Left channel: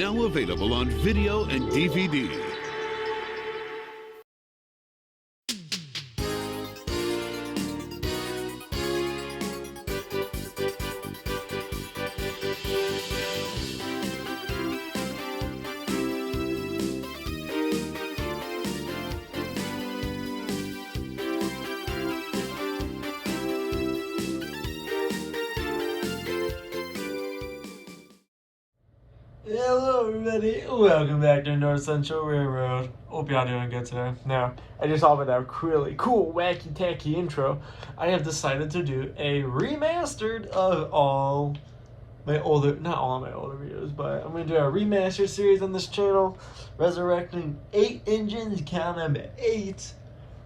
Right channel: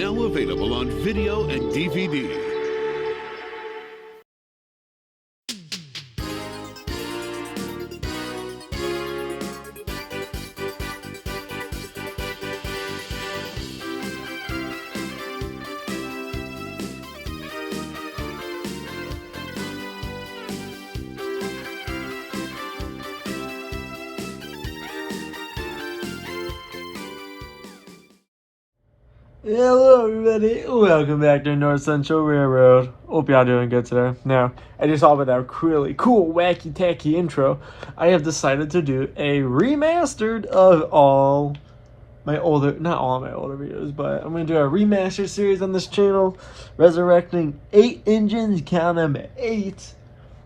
Now available on video and DVD. Hello everybody, welcome back to North Central Railroad. Hope y'all doing good today. Now, I just saw with that really cool, wacky, tacky intro, I have decided to do a remastered of all my older, not all my older videos, but I'm going to do a remaster series on this channel, resurrecting 8 engines, count them at 8,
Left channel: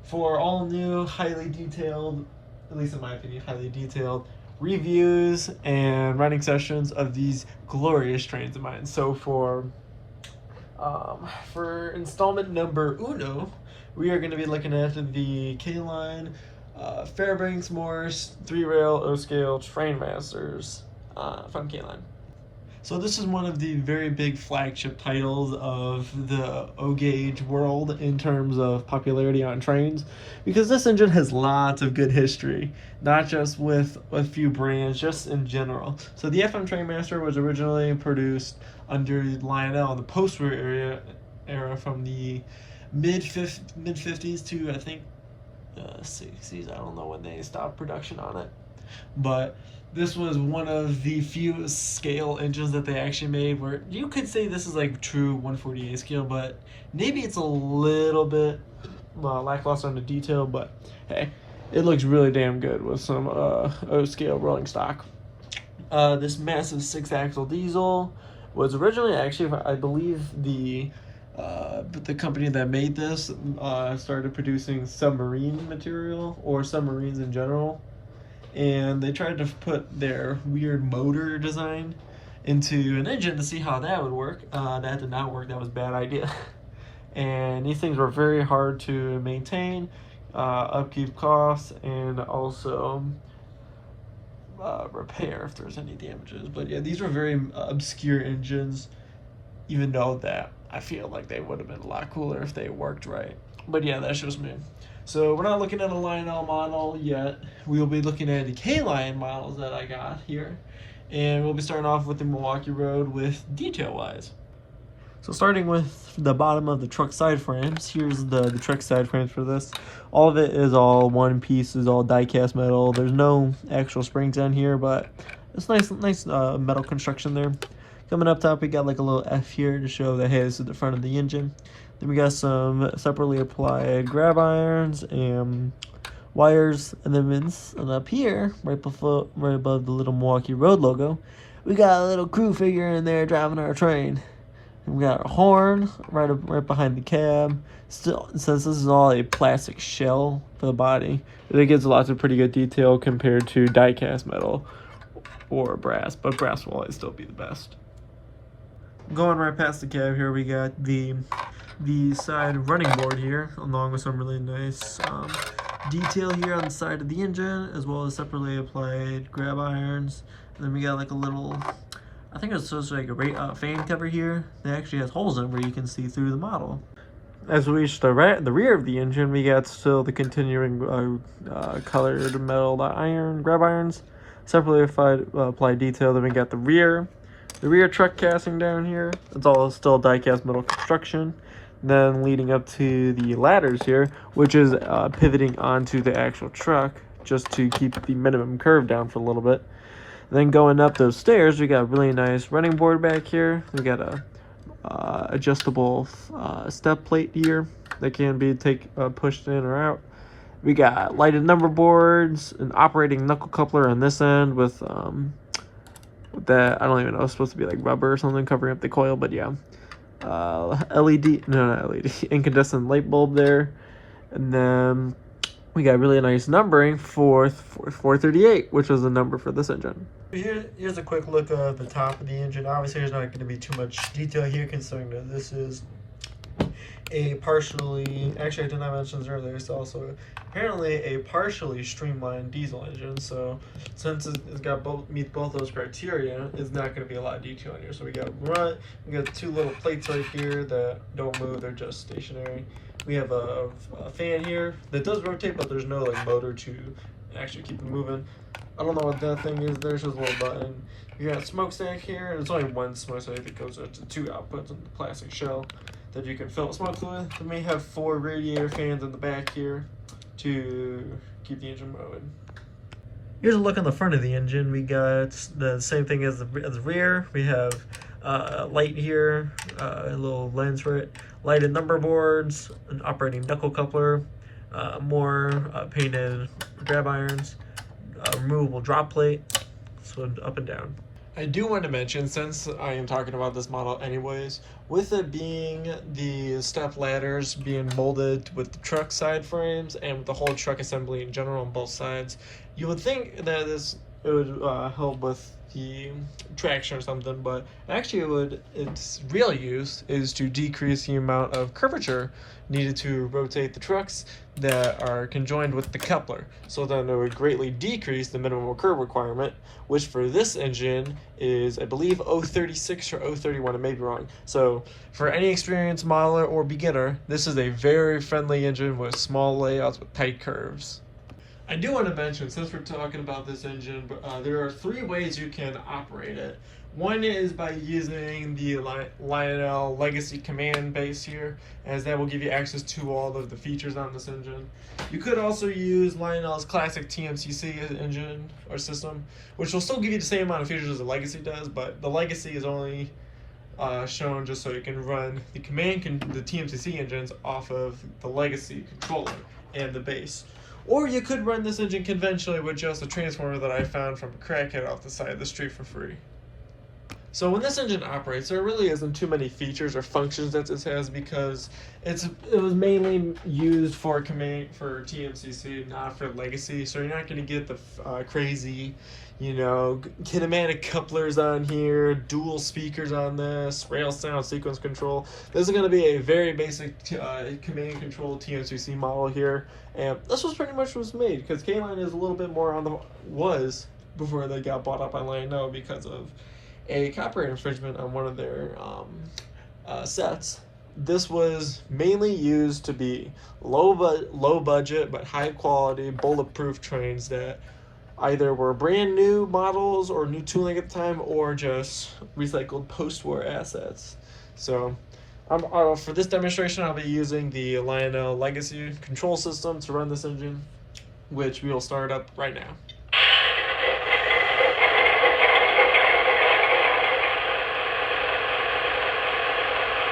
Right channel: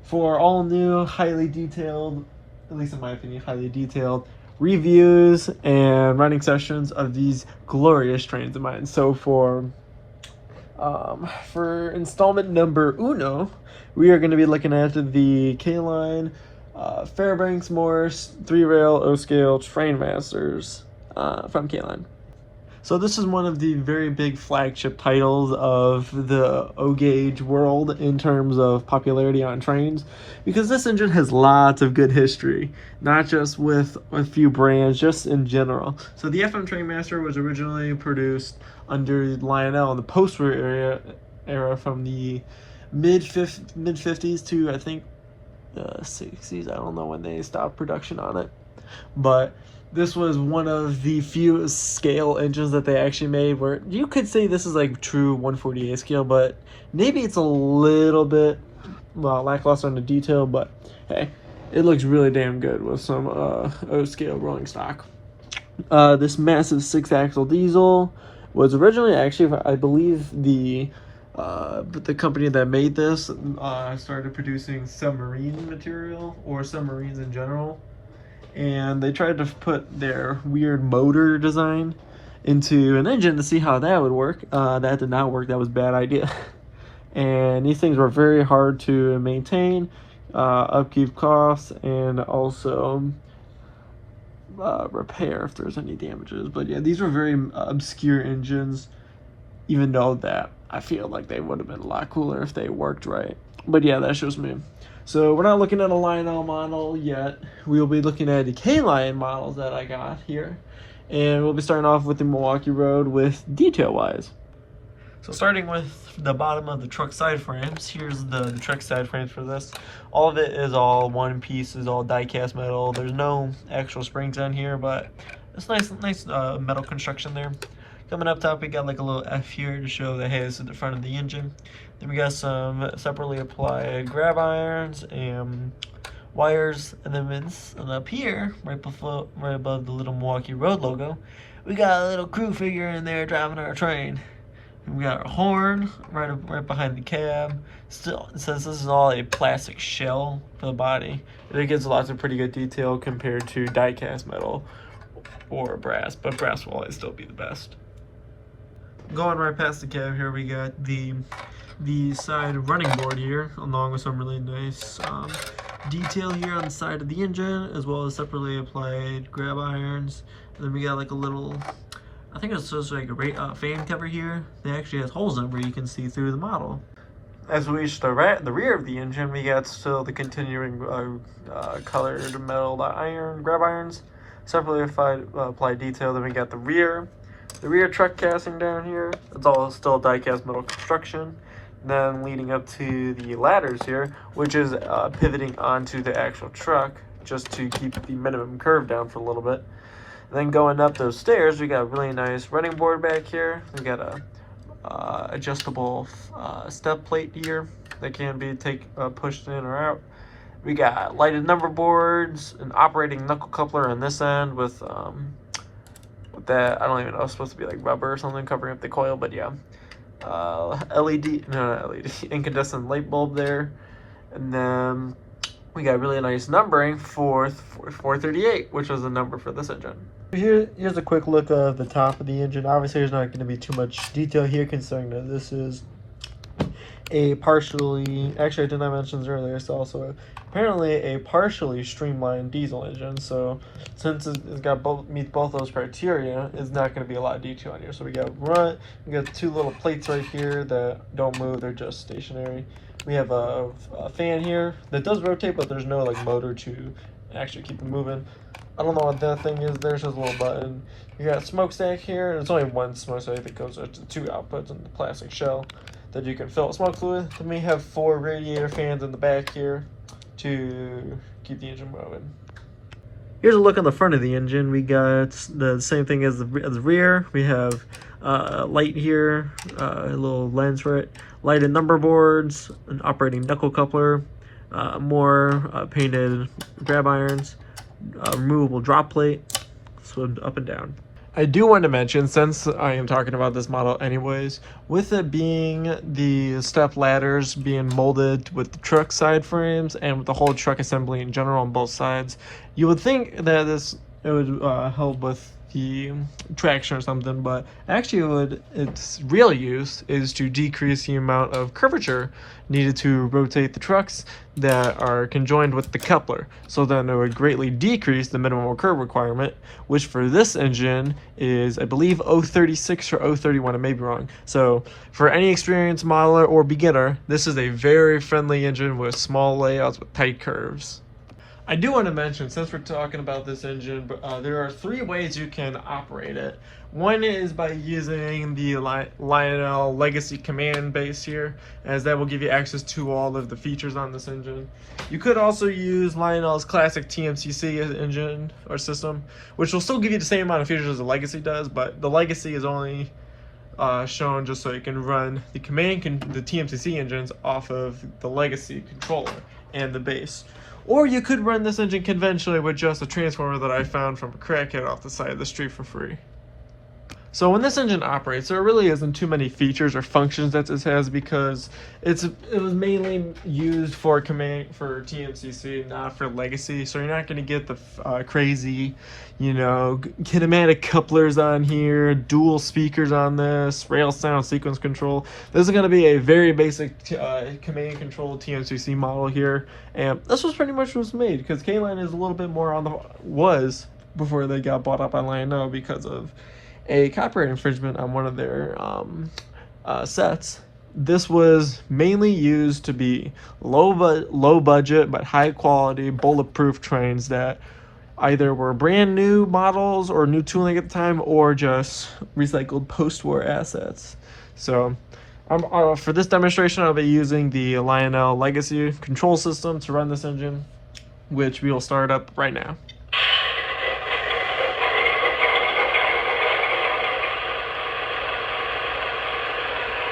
for all new, highly detailed, at least in my opinion, highly detailed reviews and running sessions of these glorious trains of mine. So for installment number uno, we are going to be looking at the K-Line Fairbanks Morse 3-rail O-scale train masters from K-Line. So this is one of the very big flagship titles of the O-gauge world in terms of popularity on trains, because this engine has lots of good history, not just with a few brands, just in general. So the FM Trainmaster was originally produced under Lionel in the post-war era from the mid-50s to, I think, 60s. I don't know when they stopped production on it, but this was one of the few scale engines that they actually made where you could say this is like true 148 scale, but maybe it's a little bit lackluster on the detail, but hey, it looks really damn good with some O-scale rolling stock. This massive 6-axle diesel was originally, actually, I believe the company that made this started producing submarine material or submarines in general, and they tried to put their weird motor design into an engine to see how that would work. That did not work. That was a bad idea. And these things were very hard to maintain, upkeep costs, and also repair if there's any damages. But yeah, these were very obscure engines, even though that I feel like they would have been a lot cooler if they worked right. But yeah, that's just me. So we're not looking at a Lionel model yet. We'll be looking at the K-Line models that I got here. And we'll be starting off with the Milwaukee Road with detail-wise. So starting with the bottom of the truck side frames, here's the truck side frames for this. All of it is all one piece, is all die-cast metal. There's no actual springs on here, but it's nice metal construction there. Coming up top, we got like a little F here to show that, hey, this is the front of the engine. Then we got some separately applied grab irons and wires, and then up here, right above the little Milwaukee Road logo, we got a little crew figure in there driving our train. And we got a horn right behind the cab. Still, since this is all a plastic shell for the body, it gets lots of pretty good detail compared to die-cast metal or brass, but brass will always still be the best. Going right past the cab here, we got the side running board here, along with some really nice detail here on the side of the engine, as well as separately applied grab irons. And then we got like a little, I think it's just like a fan cover here that actually has holes in it where you can see through the model. As we reach the rear of the engine, we got still the continuing colored metal grab irons, separately applied detail. Then we got the rear truck casting down here. It's all still die-cast metal construction. Then leading up to the ladders here, which is pivoting onto the actual truck just to keep the minimum curve down for a little bit. And then going up those stairs, we got a really nice running board back here. We got a adjustable step plate here that can be pushed in or out. We got lighted number boards, an operating knuckle coupler on this end with that, I don't even know, it's supposed to be like rubber or something covering up the coil, but yeah. Incandescent light bulb there. And then we got really nice numbering for 438, which was the number for this engine. Here's a quick look of the top of the engine. Obviously there's not going to be too much detail here, considering that this is actually I did not mention this earlier, it's also apparently a partially streamlined diesel engine. So since it's got meets both those criteria, it's not going to be a lot of detail on here. So we got two little plates right here that don't move, they're just stationary. We have a fan here that does rotate, but there's no like motor to actually keep it moving. I don't know what that thing is. There's just a little button. You got a smokestack here, and it's only one smokestack that goes to two outputs in the plastic shell that you can fill with smoke fluid. Then we have 4 radiator fans in the back here to keep the engine moving. Here's a look on the front of the engine. We got the same thing as the rear. We have a light here, a little lens for it, lighted number boards, an operating knuckle coupler, more painted grab irons, removable drop plate, so up and down. I do want to mention, since I am talking about this model anyways, with it being the step ladders being molded with the truck side frames and with the whole truck assembly in general on both sides, you would think that it would help with the traction or something, but actually its real use is to decrease the amount of curvature needed to rotate the trucks that are conjoined with the coupler. So then it would greatly decrease the minimum curve requirement, which for this engine is, I believe, 036 or 031, I may be wrong. So for any experienced modeler or beginner, this is a very friendly engine with small layouts with tight curves. I do want to mention, since we're talking about this engine, there are 3 ways you can operate it. One is by using the Lionel Legacy command base here, as that will give you access to all of the features on this engine. You could also use Lionel's classic TMCC engine or system, which will still give you the same amount of features as the Legacy does, but the Legacy is only shown just so you can run the the TMCC engines off of the Legacy controller and the base. Or you could run this engine conventionally with just a transformer that I found from a crackhead off the side of the street for free. So when this engine operates, there really isn't too many features or functions that this has, because it was mainly used for TMCC, not for Legacy. So you're not going to get the crazy, kinematic couplers on here, dual speakers on this, rail sound sequence control. This is going to be a very basic command control TMCC model here, and this was pretty much what was made, because K-Line is a little bit more was before they got bought up on Lionel because of a copyright infringement on one of their sets. This was mainly used to be low budget but high quality bulletproof trains that either were brand new models or new tooling at the time, or just recycled post-war assets. So for this demonstration, I'll be using the Lionel Legacy control system to run this engine, which we will start up right now.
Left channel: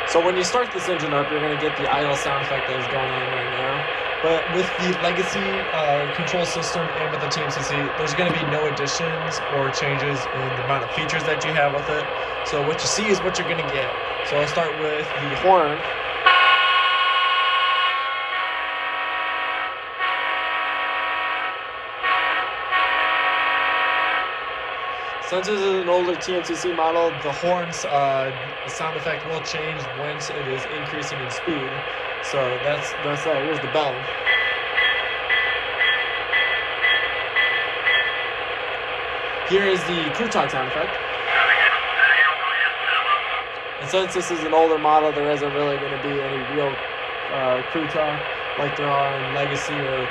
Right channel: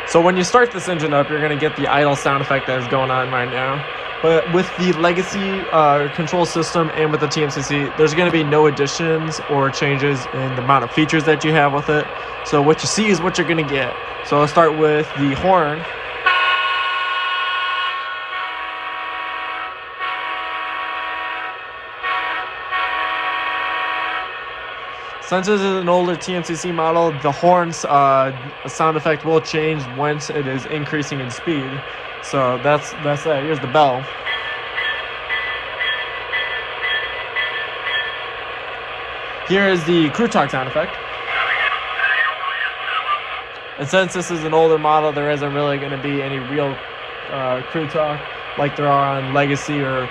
So when you start this engine up, you're going to get the idle sound effect that is going on right now. But with the Legacy control system and with the TMCC, there's going to be no additions or changes in the amount of features that you have with it. So what you see is what you're going to get. So I'll start with the horn. Since this is an older TMCC model, the horn's sound effect will change once it is increasing in speed. So that's here's the bell. Here is the crew talk sound effect. And since this is an older model, there isn't really going to be any real crew talk like there are on Legacy or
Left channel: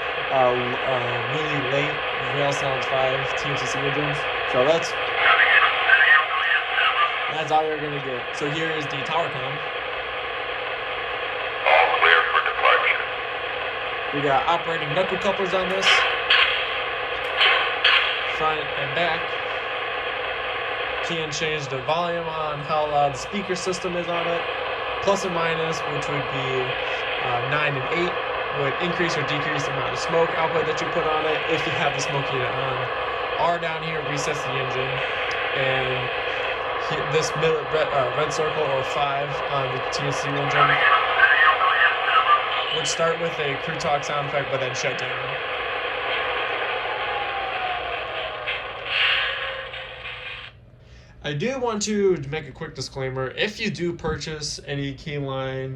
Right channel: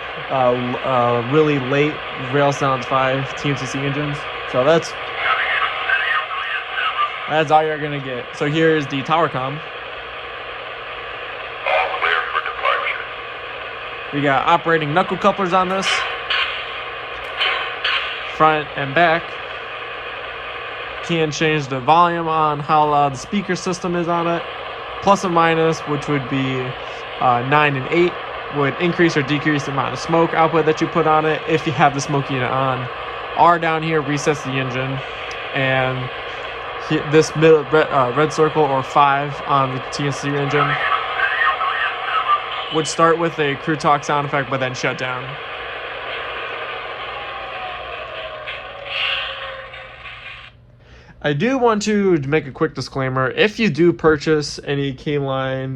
really late Rail Sounds 5 TMCC engines. So that's all you're going to get. So here is the tower comm. All clear for departure. We got operating knuckle couplers on this, front and back. Can change the volume on how loud the speaker system is on it. Plus and minus, which would be 9 and 8, would increase or decrease the amount of smoke output that you put on it if you have the smoke unit on. R down here resets the engine, and this red circle or 5 on the TMCC engine would start with a crew talk sound effect but then shut down. I do want to make a quick disclaimer. If you do purchase any K-Line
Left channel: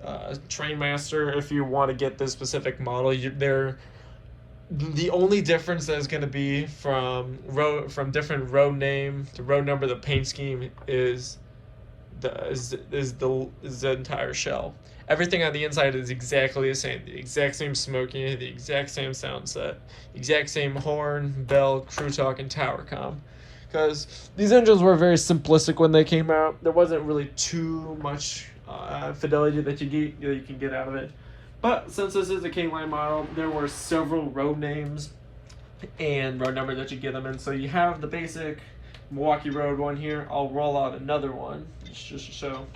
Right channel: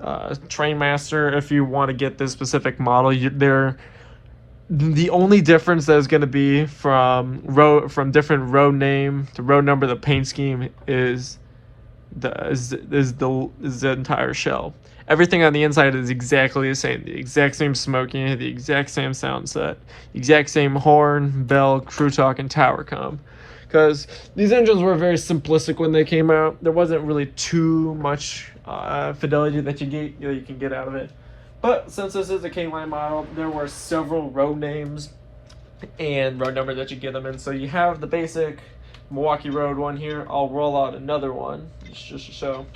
Trainmaster, if you want to get this specific model, the only difference that is going to be from different road name to road number, the paint scheme is the entire shell. Everything on the inside is exactly the same. The exact same smoking, the exact same sound set, the exact same horn, bell, crew talk, and tower comm. Because these engines were very simplistic when they came out. There wasn't really too much fidelity that you can get out of it. But since this is a K-Line model, there were several road names and road number that you get them in. So you have the basic Milwaukee Road one here. I'll roll out another one just to show.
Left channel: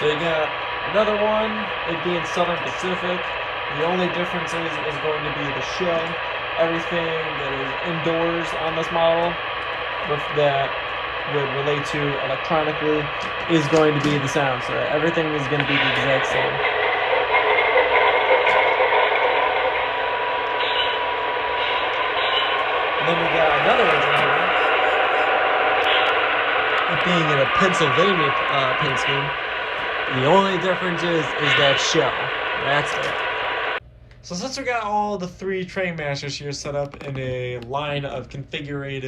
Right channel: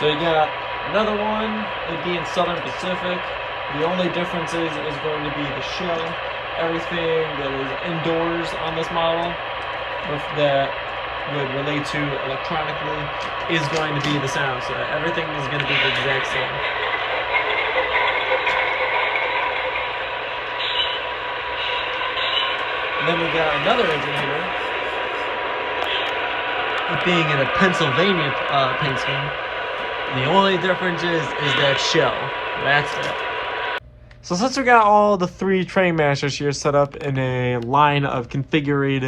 So you got another one, it being Southern Pacific. The only difference is going to be the shell. Everything that is indoors on this model that would relate to electronically is going to be the sound set. Everything is going to be the exact same. And then we got another engine here. It being in a Pennsylvania paint scheme. The only difference is that shell. That's it. So since we got all the 3 Trainmasters here set up in a line of configured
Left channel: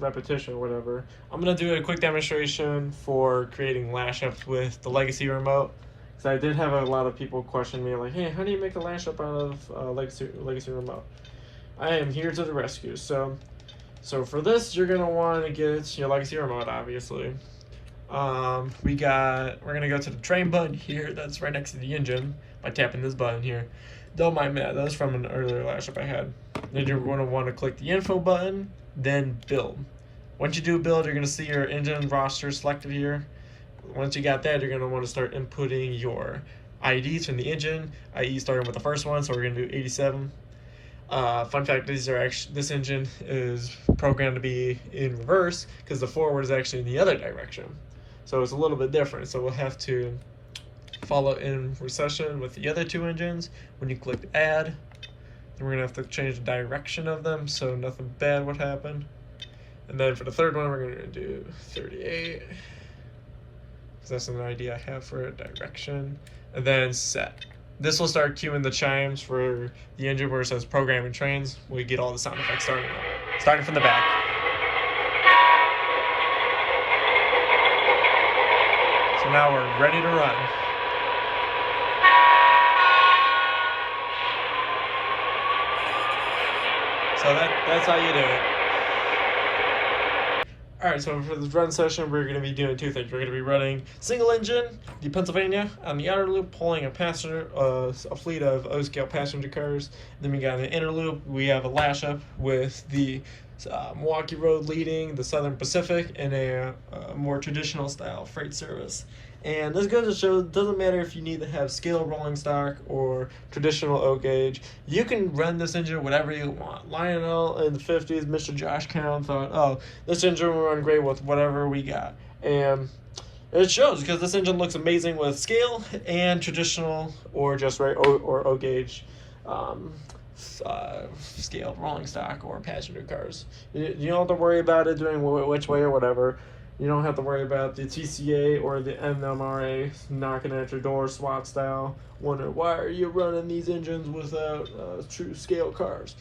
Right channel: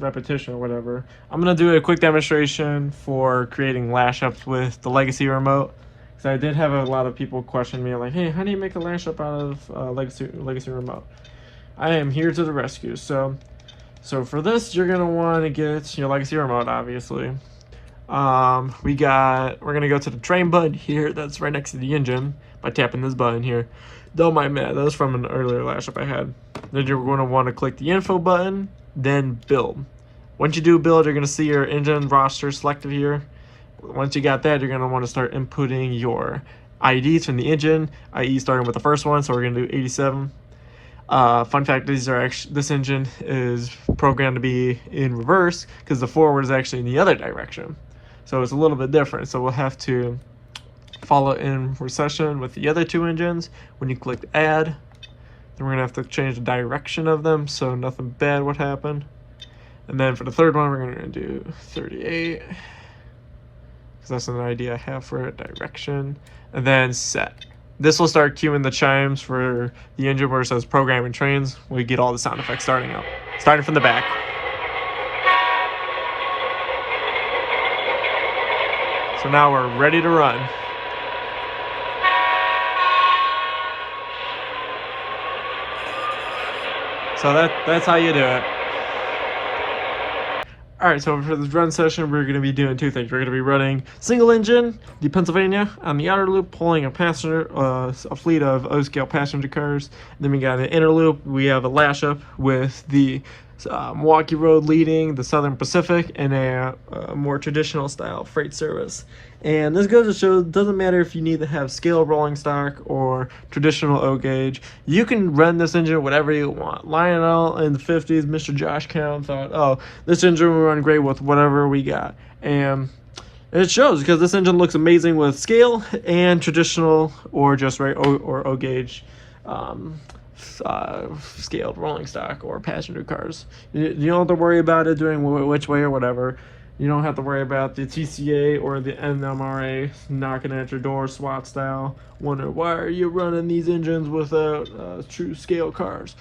repetition or whatever, I'm going to do a quick demonstration for creating lash ups with the Legacy remote. Because I did have a lot of people question me like, hey, how do you make a lash up out of Legacy remote? I am here to the rescue. So for this, you're going to want to get your Legacy remote, obviously. We're gonna go to the train button here that's right next to the engine by tapping this button here. Don't mind that, that was from an earlier lash up I had. Then you're going to want to click the info button, then build. Once you do build, you're going to see your engine roster selected here. Once you got that, you're going to want to start inputting your IDs from the engine, i.e. starting with the first one, so we're going to do 87. Fun fact, this engine is programmed to be in reverse because the forward is actually in the other direction. So it's a little bit different. So we'll have to follow in recession with the other 2 engines. When you click add, then we're gonna have to change the direction of them so nothing bad would happen. And then for the third one, we're gonna do 38 because that's an idea I have for a direction. And then set. This will start cueing the chimes for the engine where it says programming trains. We get all the sound effects starting up. Starting from the back. So now we're ready to run. So that's how you do it. Alright, so for this run session, we're going to be doing 2 things. We're going to be running single engine, the Pennsylvania, on the outer loop, pulling a fleet of O-scale passenger cars. And then we got an inner loop. We have a lash up with the Milwaukee Road leading the Southern Pacific and a more traditional style freight service. And this goes to show it doesn't matter if you need to have scale rolling stock or traditional O gauge. You can run this engine whatever you want. Lionel in the 50s, Mr. Josh Cowan thought, oh, this engine will run great with whatever we got. And it shows because this engine looks amazing with scale and traditional or just O gauge scaled rolling stock or passenger cars. You don't have to worry about it doing which way or whatever. You don't have to worry about the TCA or the NMRA knocking at your door SWAT style. Wonder why are you running these engines without true scale cars?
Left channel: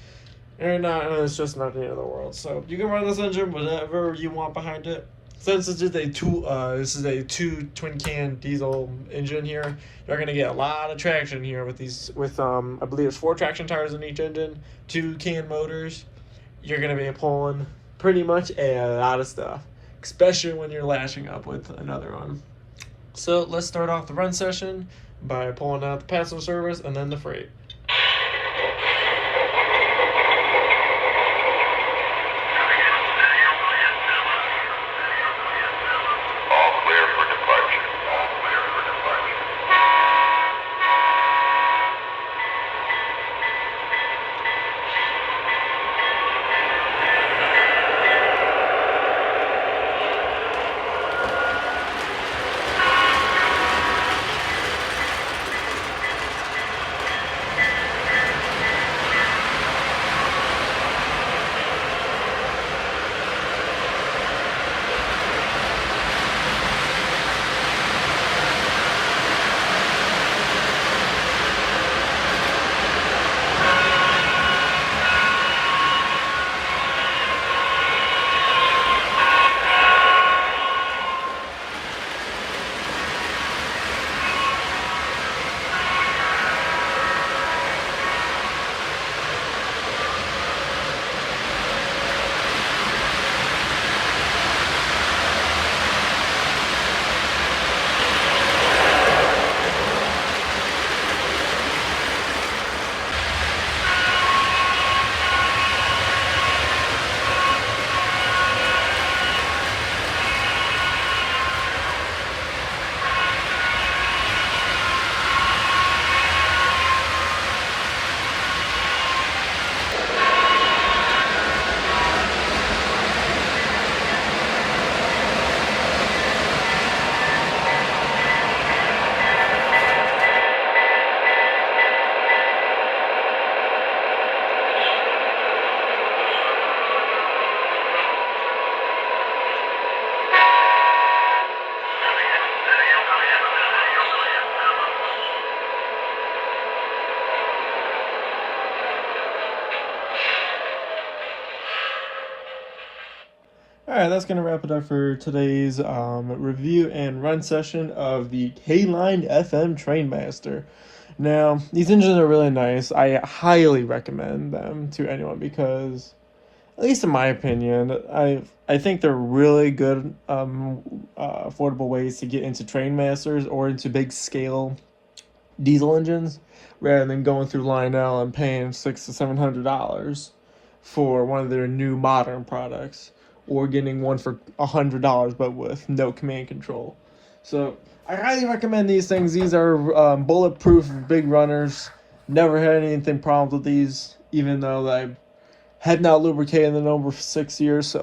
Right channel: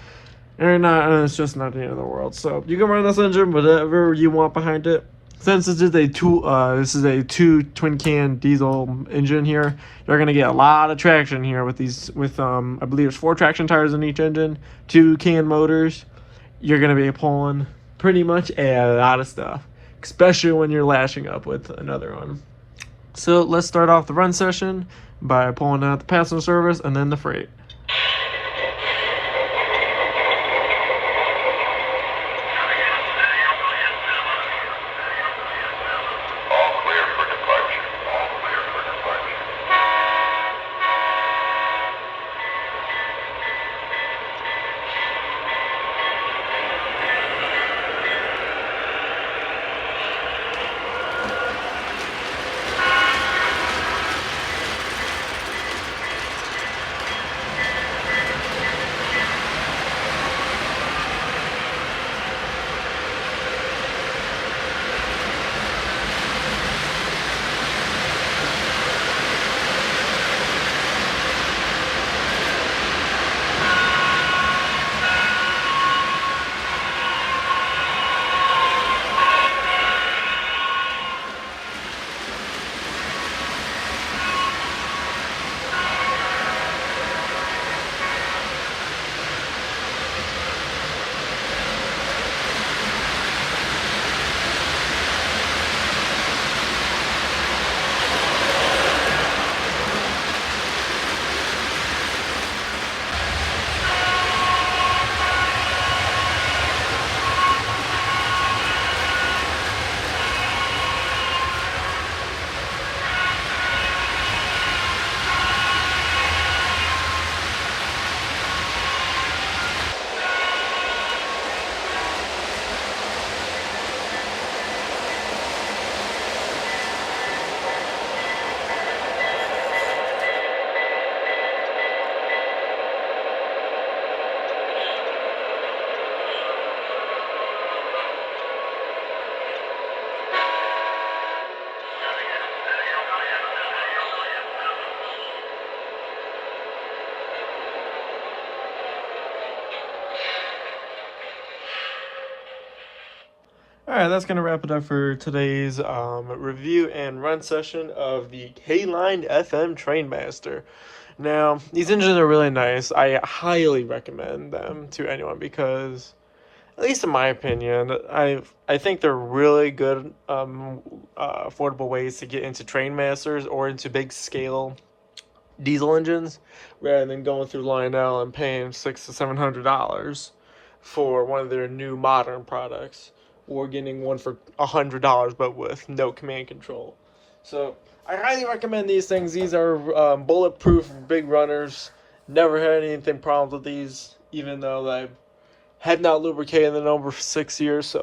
And it's just not the end of the world. So you can run this engine whatever you want behind it. Since this is a two twin can diesel engine here, you're gonna get a lot of traction here with I believe it's 4 traction tires in each engine, 2 can motors. You're gonna be pulling pretty much a lot of stuff, especially when you're lashing up with another one. So let's start off the run session by pulling out the passenger service and then the freight. Alright, that's going to wrap it up for today's review and run session of the K-Line FM Trainmaster. Now, these engines are really nice. I highly recommend them to anyone because, at least in my opinion, I think they're really good affordable ways to get into Trainmasters or into big scale diesel engines rather than going through Lionel and paying $600 to $700 for one of their new modern products, or getting one for $100 but with no command control. So I highly recommend these things. These are bulletproof, big runners. Never had anything problems with these, even though I had not lubricated them over 6 years. So,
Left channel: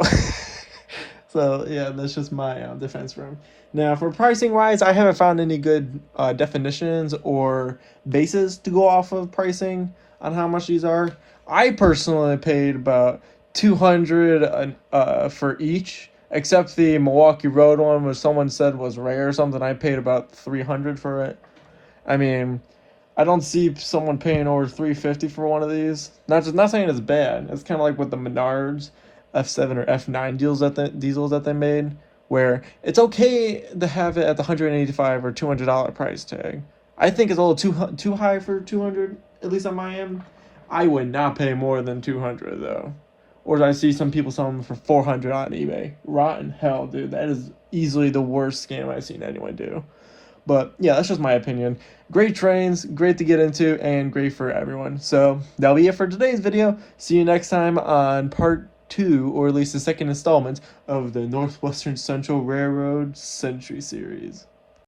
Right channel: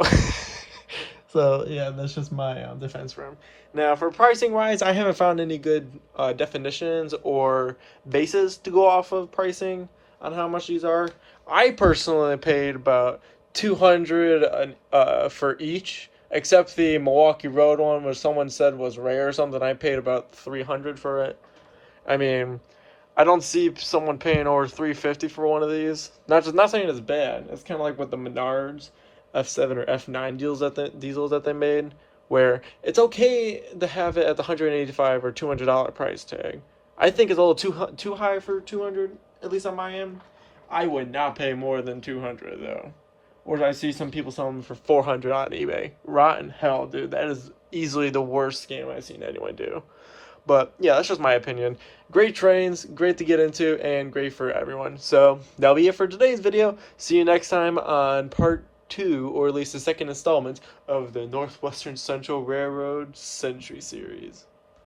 so yeah, that's just my defense for them. Now, for pricing wise, I haven't found any good definitions or bases to go off of pricing on how much these are. I personally paid about $200 for each, except the Milwaukee Road one, which someone said was rare or something. I paid about $300 for it. I mean, I don't see someone paying over $350 for one of these. Not saying it's bad. It's kind of like with the Menards F7 or F9 diesels that they made, where it's okay to have it at the $185 or $200 price tag. I think it's a little too high for $200, at least on my end. I would not pay more than $200 though. Or I see some people selling them for $400 on eBay. Rotten hell, dude. That is easily the worst scam I've seen anyone do. But yeah, that's just my opinion. Great trains, great to get into, and great for everyone. So that'll be it for today's video. See you next time on part 2, or at least the second installment of the Northwestern Central Railroad Century series.